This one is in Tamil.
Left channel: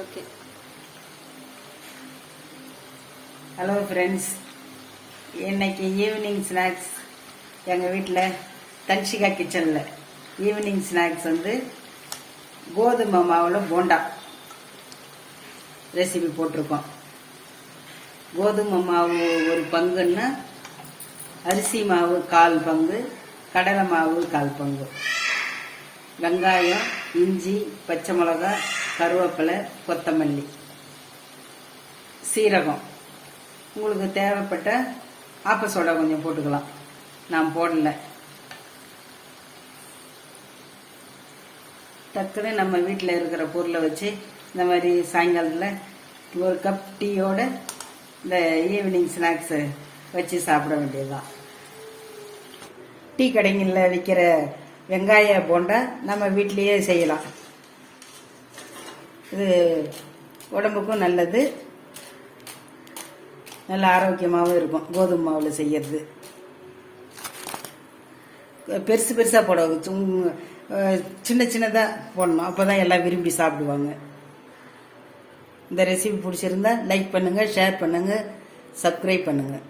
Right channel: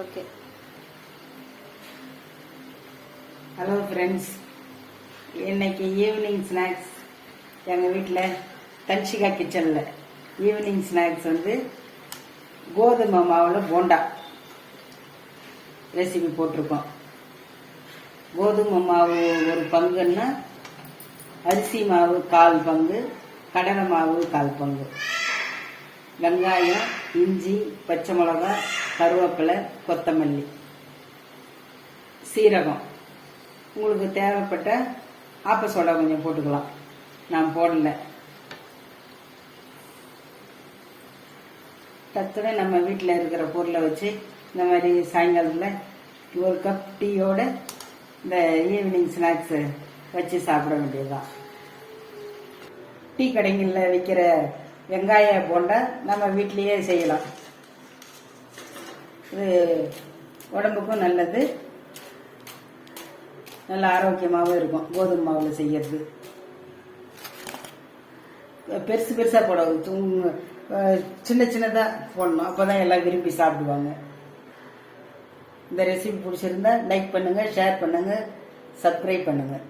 ஓகே. ஹலோ ஃப்ரெண்ட்ஸ், இன்னைக்கு ஈவினிங் ஸ்நாக்ஸ் எங்கள் வீட்டில் தன்ஷிகா கிச்சனில் ஈவினிங் ஸ்நாக்ஸ் கோதுமை மாவில் போண்டா ரெசிபி போட்டிருக்கோம். கோதுமை மாவு ஒரு பங்குன்னா அரிசி மாவு 1/4 பங்கு, கடலை மாவு 1/4 பங்கு, வெங்காயம், இஞ்சி, பச்சை மிளகாய், கருவேப்பிலை, கொத்தமல்லி, சீரகம், உங்களுக்கு தேவைப்பட்ட ஆப்ப சோடா கொஞ்சம் போட்டுக்கலாம். நான் போடல. டக்குன்னு நம்ம வீட்டில் இருக்கிற பொருளை வச்சு இந்த மாதிரி சாயங்காலத்தில் ஒரு கப் டீயோட இந்த ஈவினிங் ஸ்நாக்ஸு வச்சு சாப்பிட வேண்டியதுதான். டீ கடைகளில் விற்கிற வெங்காய போண்டா நம்ம வீட்டிலையே செய்யலாம். இது உடம்புக்கும் நல்லது, நல்ல ஆரோக்கியமாகவும் இருக்கும். கோதுமை மாவில் செய்யறது பெருசு பெருசாக போட சின்ன சின்னதாக போடணும். அப்போ தான் எல்லாம் விரும்பி சாப்பிடுவாங்க. இந்த ரெசிபி பிடிச்சிருந்தா லைக் பண்ணுங்கள், ஷேர் பண்ணுங்கள், சப்ஸ்கிரைப் பண்ணுங்கள்.